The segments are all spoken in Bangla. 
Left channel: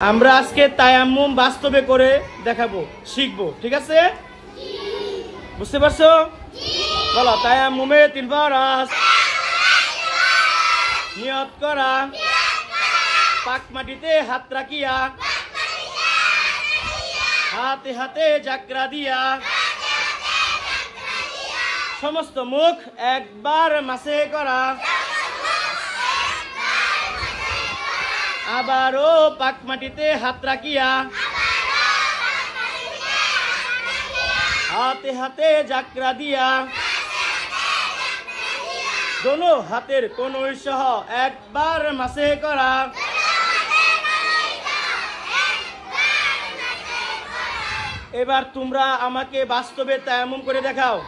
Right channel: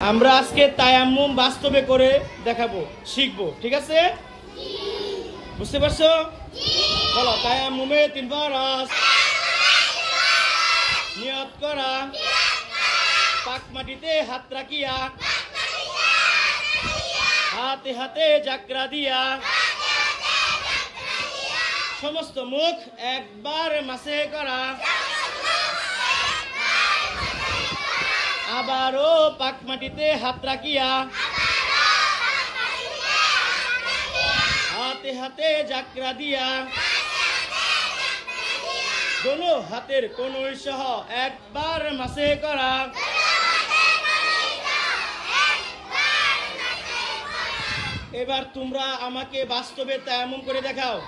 আমরা আজকে তায়াম্মুম বাস্তবে করে দেখাবো, শিখবো। ঠিক আছে, বুঝতে পারছো? বলো, তায়াম্মুমে 3 ফরজ। নিয়ত করা, পাক মাটিতে হাত রাখিয়া, হাতে হাতে জাকরা দিয়া, সমস্ত মুখ একবার মাসে করা, আবারও পাক মাটিতে হাত রাখিয়া, হাতে হাতে জাকরা দিয়া, দোনো হাতের কনুই সহ একবার মাসে করা। এবার তোমরা আমাকে বাস্তবে তায়াম্মুম করে দেখাও।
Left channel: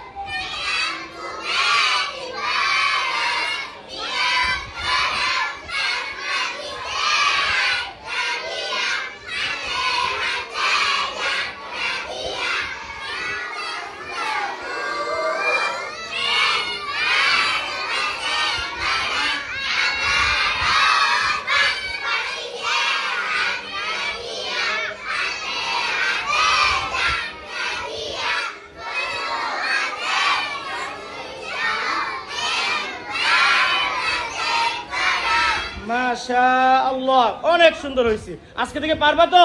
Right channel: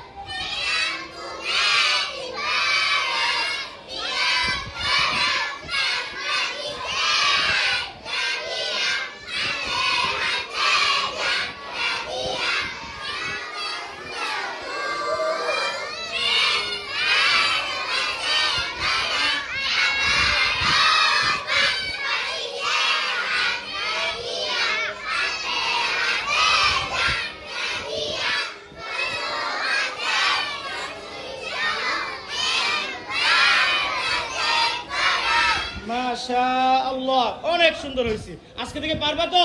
মাশাআল্লাহ, অনেক সুন্দর হয়েছে। আজকে থেকে পারবা তো?